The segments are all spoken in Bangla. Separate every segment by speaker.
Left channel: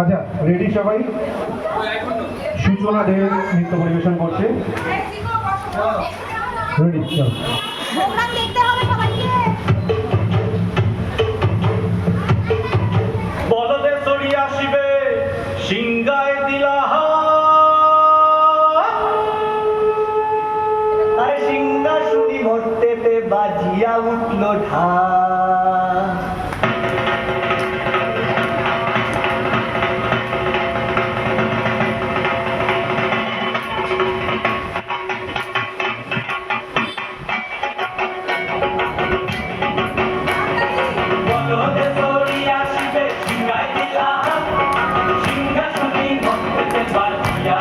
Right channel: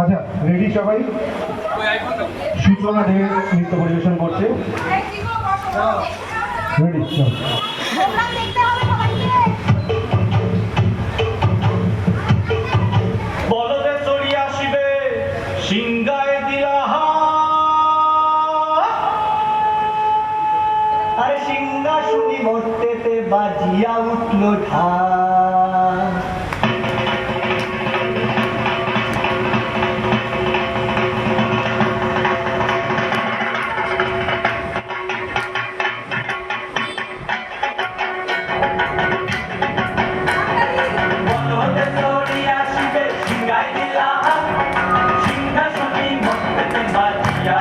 Speaker 1: আচ্ছা রেডি সবাই? সূচনা দেব নৃত্য পরিবেশন করছে। রেডি চল।
Speaker 2: আরে সিংহাসুনি মরতেতে বাজিয়া উঠল ঢা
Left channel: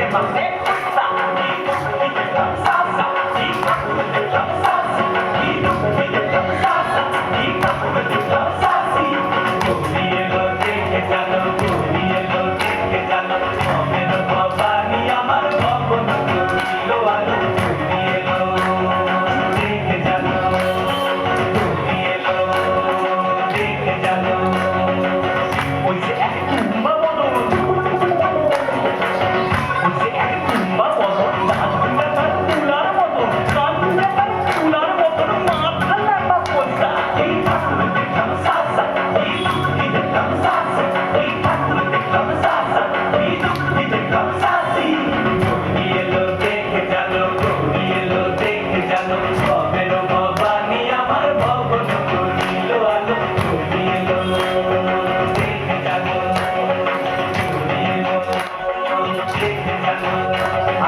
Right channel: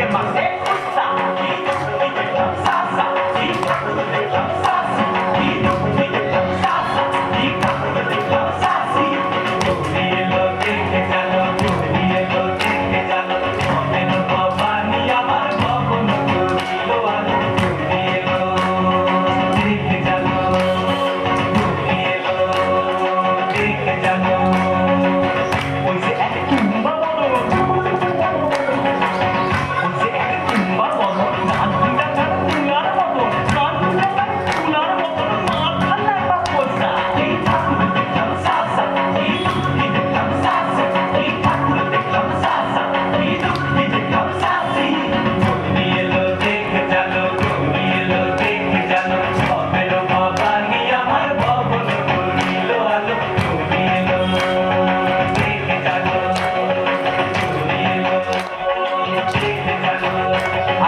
Speaker 3: que pasé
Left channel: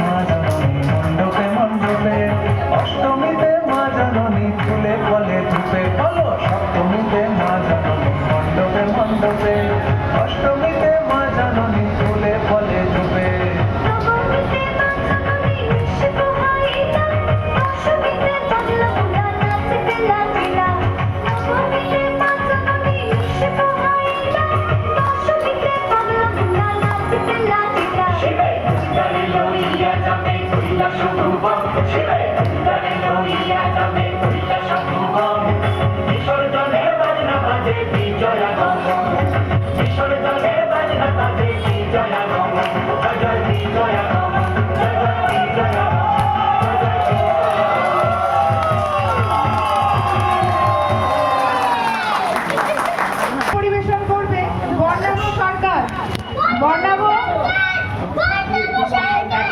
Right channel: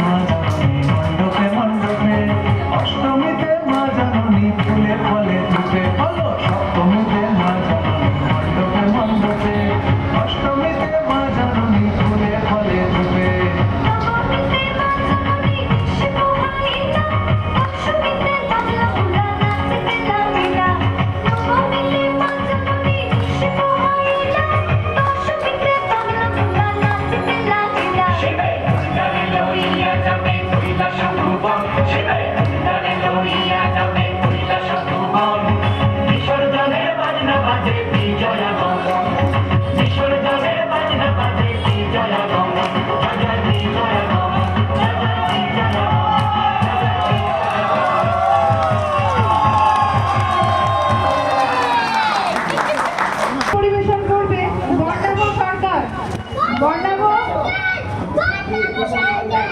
Speaker 3: ಮಾಡ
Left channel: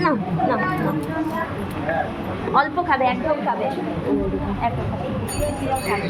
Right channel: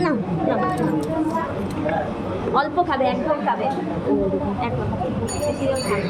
Speaker 2: না না না অল্প খাবে একদম খাবে। একদম খাবে।